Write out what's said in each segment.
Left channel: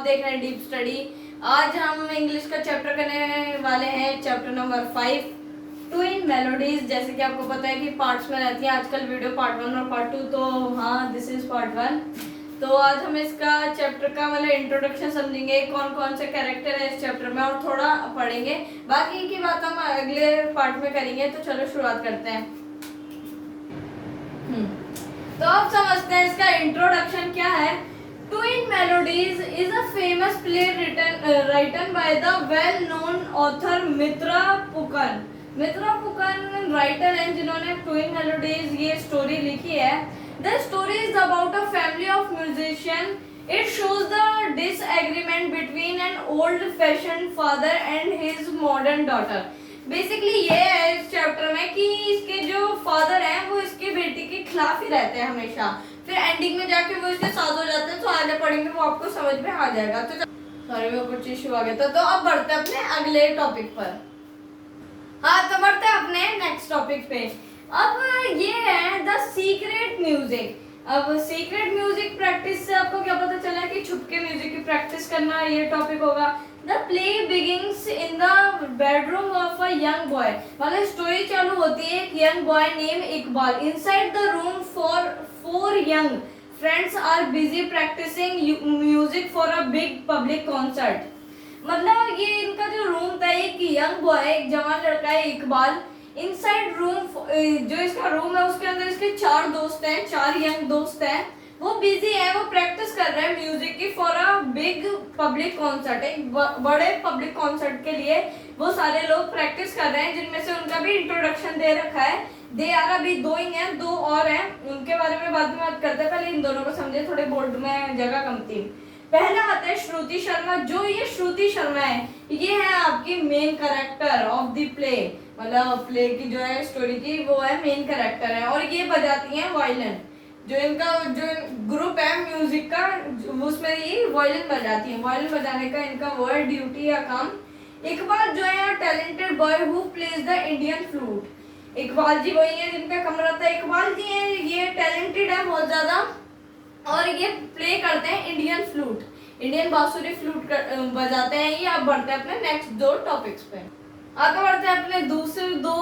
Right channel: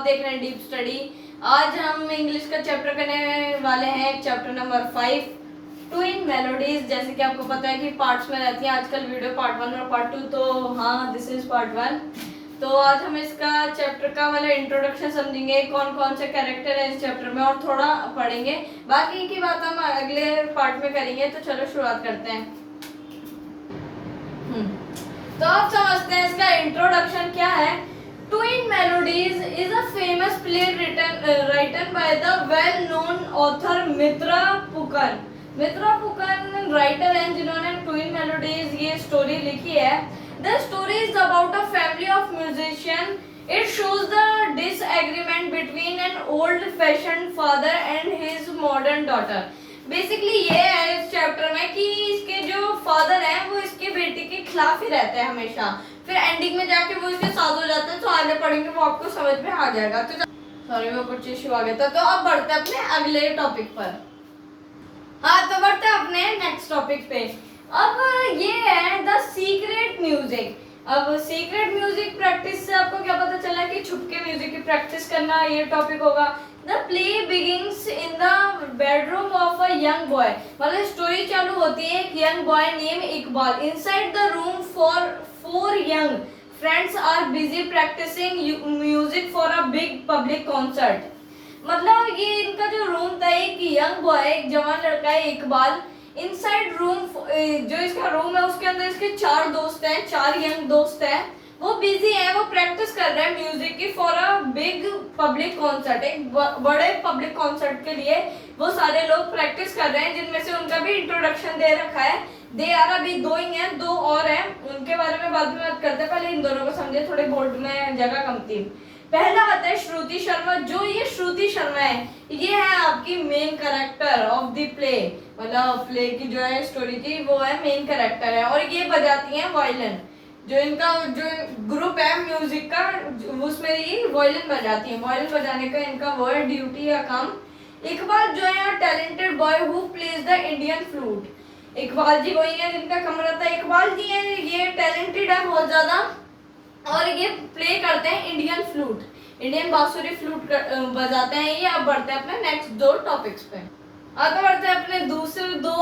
आप देख रहे हैं डीप स्टडी। आज हम इंग्लिश का चैप्टर करने वाले हैं, चैप्टर नंबर 5 ट्विन मेलोडीज। जैसे कि आपको पता है कि पार्ट्स में रहती है आजकल वीडियो, पार्ट 1 और पार्ट 2। तो हाँ, दिस इज पार्ट 1। तो आज हम इसका चैप्टर का मतलब इंट्रोडक्शन समझेंगे, कौन कौन से कैरेक्टर है इस चैप्टर में, और थोड़ा पढ़ेंगे। बाकी की बात हम अगले पार्ट में करेंगे। तो चलो शुरुआत करते हैं। तो आप समझते हैं इसका इंट्रोडक्शन क्या है। Twin melodies is a famous play written by the well known author Mitra Pukan. Mitra Pukan writer हैं जिन्होंने ट्विन मेलोडीज ये स्टोरी लिखी है। The story is about a family of musician. It shows the disagreement between an old fashion father and his modern daughter. Basically ये है इस chapter में कि इसके जो फादर हैं वो इसकी बेटी के खिलाफ ही रहते हैं हमेशा, फिर एंडिंग में जाके वो इसके साथ हो जाते हैं। तो आगे पढ़ेंगे वो आपको समझ में आ जाएगा। तो सॉरी वो कुछ इशू आ गया था। तो अब बढ़ते हैं अपने अगले टॉपिक पर। हाँ, तो बढ़ते हैं अपने नेक्स्ट टॉपिक पे। अब ये है द सीक्रेट म्यूजिक। अब सीक्रेट म्यूजिक प्रैक्टिस से आपको क्या पता चला कि छुपके म्यूजिक की प्रैक्टिस करना, ये टॉपिक होगा। The play begins in the bedroom of a young boy। मतलब स्टोरी चालू होती है एक young boy named Iqbal. Inside the room four young friends are busy practicing music for a big public concert। मतलब ये इनका जो रूम था, एक यंग बॉय, एक जवान लड़का है इकबाल। इनसाइड रूम, जो इसका रूम है उसके अंदर इसके 4 दोस्त हैं, 4 यंग दोस्त हैं। वो बिजी है, वो प्रैक्टिस कर रहे हैं म्यूजिक की for a big public concert. एक बड़े पब्लिक कॉन्सर्ट के लिए वो सारे लोग प्रैक्टिस कर रहे हैं, जिनमें से उनका भी इंट्रोडक्शन दे रखा है। दे आर अभी 2 ही हैं, 2 और हैं, उनके बारे में बाद में बात करते हैं। पहले इन दोनों को समझे, थोड़े बोर्ड में जगह कम थी। पहला आता है श्रुति शर्मा। जो ये श्रुति शर्मा है, ये है आपकी main character of the play. मतलब प्ले की जो है स्टोरी की, वो है मेन कैरेक्टर है। और ये बजाती हैं वायलिन। जो इनका जो ग्रुप है म्यूजिक का, उसमें ये वायलिन बजाती है। वायलिन बजाने का इनका वो है ड्यूटी या काम। इकबाल जो है talented boy who plays the Indian flute. Iqbal ji वही है जिनका कमरा था। इकबाल जी है, ये टैलेंटेड है बहुत ज्यादा, और ये प्ले करते हैं इंडियन फ्लूट, इंडियन बांसुरी फ्लूट बजाते हैं ये। अब बढ़ते हैं अपने नेक्स्ट 2 टॉपिक्स पे। आगे बढ़ते हैं अपने दूसरे 2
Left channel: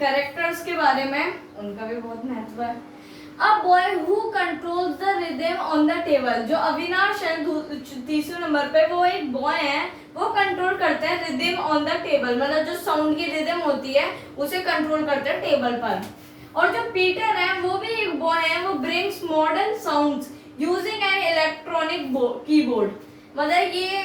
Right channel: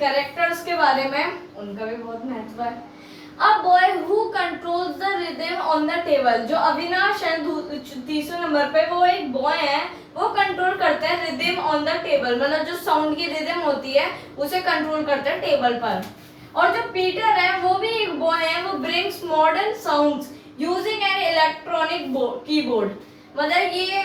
कैरेक्टर्स के बारे में, उनका भी बहुत महत्व है। A boy who controls the rhythm on the table। जो अविनाश है तीसरे नंबर पे, वो एक बॉय है, वो कंट्रोल करते हैं रिदम ऑन द टेबल। मतलब जो साउंड की रिदम होती है उसे कंट्रोल करते हैं टेबल पर। और जो पीटर है वो भी एक बॉय है, वो brings modern sounds using an electronic keyboard. मतलब ये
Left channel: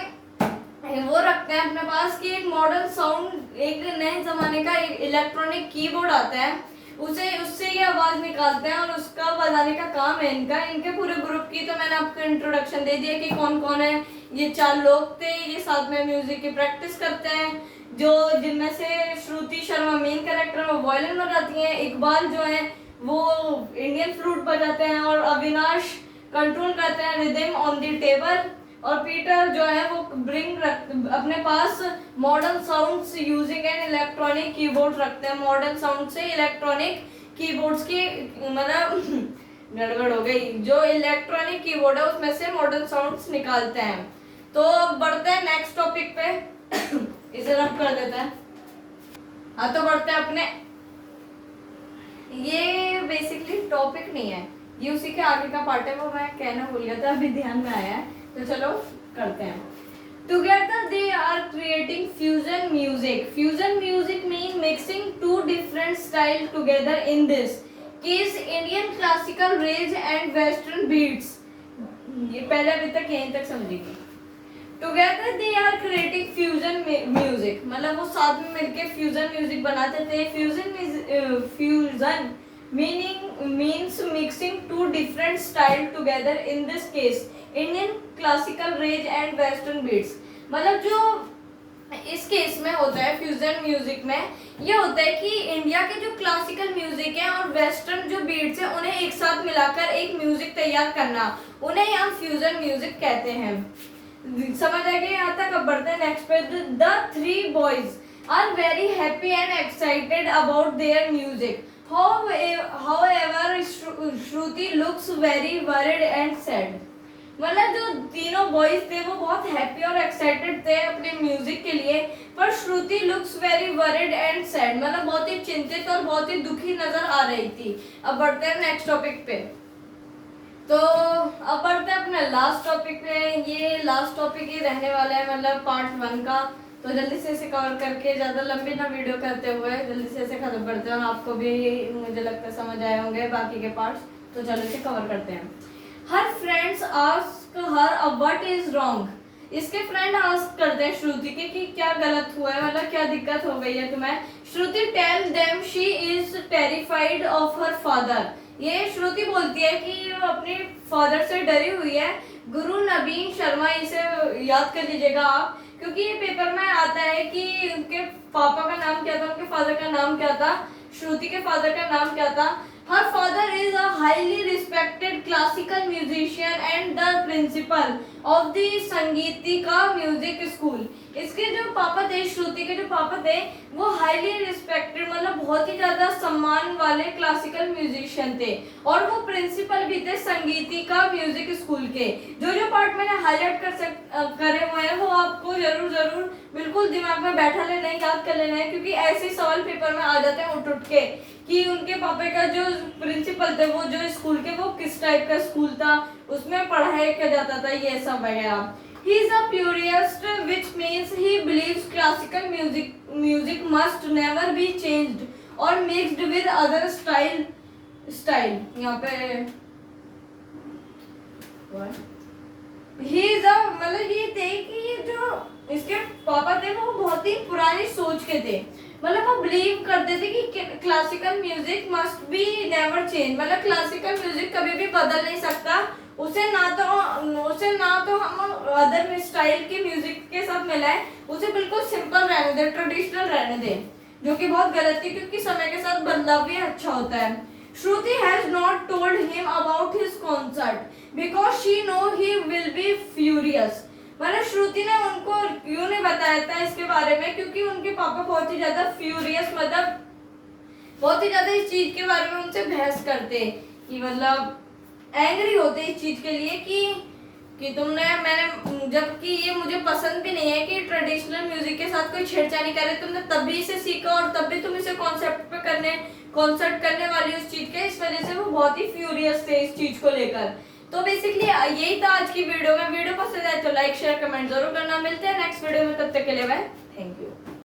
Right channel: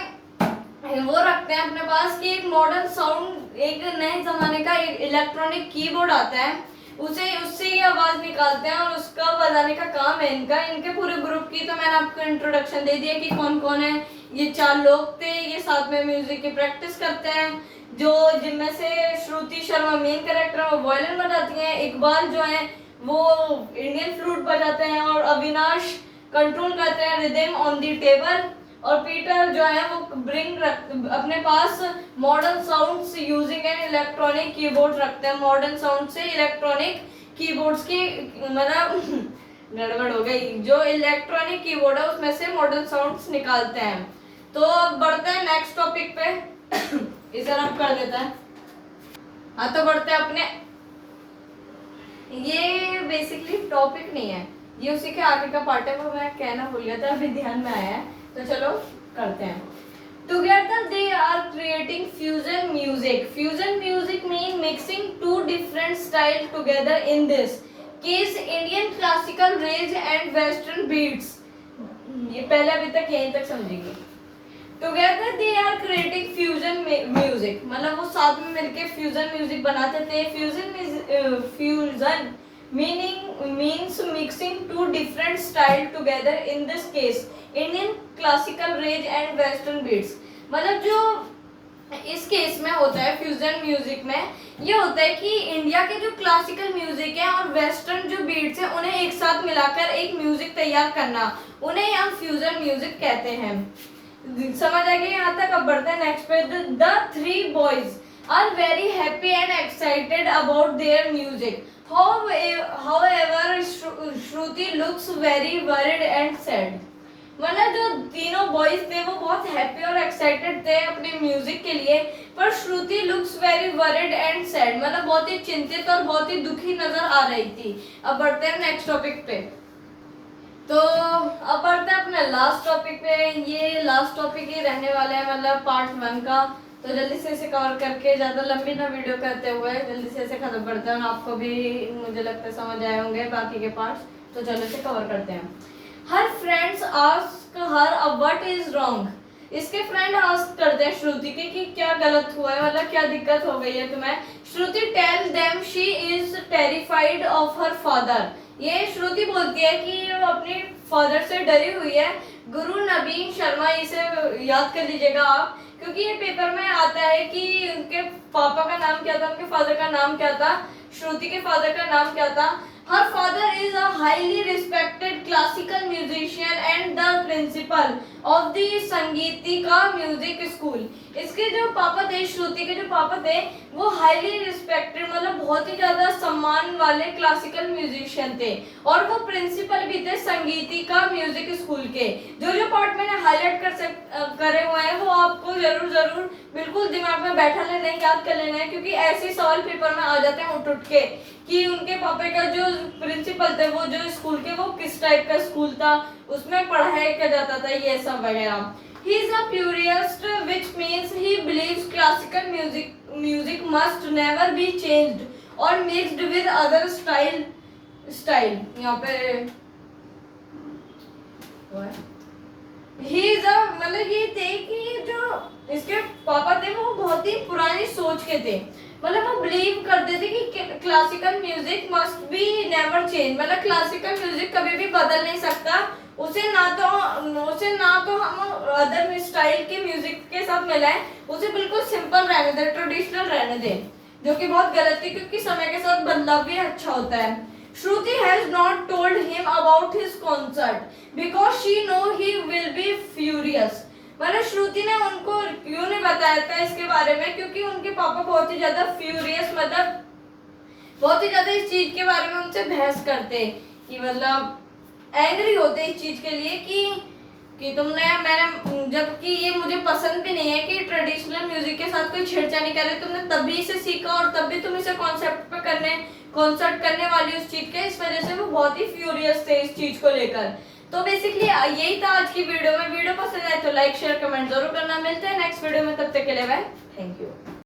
वो रखते हैं अपने पास कि एक मॉडर्न साउंड, एक नए जमाने का एक इलेक्ट्रॉनिक कीबोर्ड आता है, उससे ये आवाज निकालते हैं और उसका बजाने का काम है इनका। इनके पूरे ग्रुप की तो मैंने आपको इंट्रोडक्शन दे दिया कि कौन कौन है। ये 4 लोग थे, ये साथ में म्यूजिक की प्रैक्टिस करते हैं। जो जिनमें से श्रुति शर्मा मेन कैरेक्टर, वो वायलिन बजाती हैं। इकबाल जो है वो इंडियन फ्लूट बजाते हैं, और अविनाश कंट्रोल करते हैं रिदम ऑन द टेबल। और पीटर जो है वो अपने पास modern sounds using an electronic keyboard रखते हैं। मॉडर्न साउंड से इलेक्ट्रॉनिक कीबोर्ड्स की मतलब गड़बड़ हो गई, जो इलेक्ट्रॉनिक कीबोर्ड है उसमें से मॉडर्न साउंड्स निकालते हैं। तो अब बढ़ते हैं नेक्स्ट टॉपिक पे। इसे रब कर देते हैं। हाँ, तो बढ़ते हैं अपने, ये बेसिकली टॉपिक नहीं है, ये उसी के आगे का पार्ट है, वो मैं कहना भूल गया था, अभी ध्यान में आया है। तो चलो करते हैं। Together they are creating fusion music। Fusion music mean mixing 2 different styles together, in this case Indian classical rage and western beats। ये पहले अभी तक यहीं तक समझेंगे। Together they are creating fusion music, मतलब वो साथ में मिलके फ्यूजन म्यूजिक बनाते थे। Fusion means mixing 2 different styles together, in this case Indian classical rage and western beats। मतलब जो इस केस में होता है फ्यूजन म्यूजिक में, ये होता है कि इंडिया के जो क्लासिकल म्यूजिक है और वेस्टर्न जो बीट्स हैं उन्हें एक साथ मिलाकर एक म्यूजिक तैयार करना, उन्हें हम फ्यूजन म्यूजिक कहते हैं। समझ आ गया यहाँ तक। अब बढ़ते हैं नेक्स्ट पे। The 3 boys are very happy and excited about their music। However, Shruti looks very worried and sad। मतलब जो तीनों बॉयज थे वो बहुत हैप्पी और एक्साइटेड थे अपने म्यूजिक के लिए, पर Shruti looks very worried and sad, मतलब बहुत ही चिंतित और बहुत ही दुखी नजर आ रही थी। अब बढ़ते हैं नेक्स्ट टॉपिक पे। तो अब बढ़ते हैं अपने लास्ट टॉपिक पे। ये लास्ट टॉपिक ही रहने वाला है, मतलब पार्ट 1 का। तो जल्दी से इसे कवर करके, ज्यादा लंबी ना वीडियो करते हुए जल्दी से इसे खत्म करते हैं, और आपको भी मुझे लगता है समझ आए होंगे बाकी के पार्ट्स। तो चलो इसे कवर करते हैं। हर friends ask her what is wrong. इसके फ्रेंड आस्क करते हैं श्रुति के कि क्या गलत हुआ है, मतलब क्या दिक्कत हो गई है तुम्हें। Shruti tell them she is terrified of her father. ये श्रुति बोलती है कि वो अपने फादर से डरी हुई है। गुरु नवीन शर्मा, इसे याद कर लीजिएगा आप, क्योंकि ये पेपर में आता है कि उनके पापा का नाम क्या था, उनके फादर का नाम क्या था, श्रुति के फादर का नाम क्या था। Her father is a highly respected classical musician and the principal of the Sangeetika music school. इसके जो पापा थे, श्रुति के जो पापा थे, वो हाईली रिस्पेक्टेड, मतलब बहुत ही ज्यादा सम्मान वाले क्लासिकल म्यूजिशियन थे, और वो प्रिंसिपल भी थे संगीतिका म्यूजिक स्कूल के। जो जो पार्ट मैंने हाईलाइट करे हुए हैं वो आपको जरूर बिल्कुल दिमाग में बैठा लेना है, याद कर लेना है, क्योंकि ऐसे सवाल पेपर में आ जाते हैं उठ के कि उनके पापा का जो प्रिंसिपल थे, वो जो स्कूल के, वो किस टाइप का स्कूल था, उसमें पढ़ाई किया जाता था, ये सब वगैरह। He is a purist, which means he believes classical music must never be changed or mixed with other style। यहाँ पे he is a, मतलब ये थे कि जो इसके पापा थे वो बहुत ही पुरानी सोच के थे, मतलब वो बिलीव करते थे कि classical music must be never change, मतलब क्लासिकल म्यूजिक कभी भी बदल नहीं सकता, उसे ना तो हम अदर स्टाइल के म्यूजिक के साथ मिलाएं, उसे बिल्कुल सिंपल रहने दे, ट्रेडिशनल रहने दे, जो कि बहुत गलत है, क्योंकि समय के साथ बदलाव भी अच्छा होता है। Shruti has not told him about his concert because she know he will be furious. मतलब श्रुति ने उनको क्यों नहीं बताया था इसके बारे में, क्योंकि उनके पापा बहुत ही ज्यादा फ्यूरियस, मतलब बहुत ही ज्यादा इस चीज के बारे में उनसे बहस करते, कि मतलब एंग्री होते इस चीज के लिए कि मैंने, जबकि ये मुझे पसंद भी नहीं है कि ट्रेडिशनल म्यूजिक के साथ कोई छेड़छाड़ी करे, तुमने तभी इसे सीखा और तब भी तुम इसे कॉन्सेप्ट पे कॉन्सर्ट करने वाली उस चीज के, इस वजह से वो बहुत ही फ्यूरियस थे इस चीज को लेकर। तो बेसिकली यही था आज की वीडियो में। वीडियो पसंद आए तो लाइक शेयर कमेंट जरूर करना। मिलते हैं नेक्स्ट वीडियो में, तब तक के लिए बाय, थैंक यू।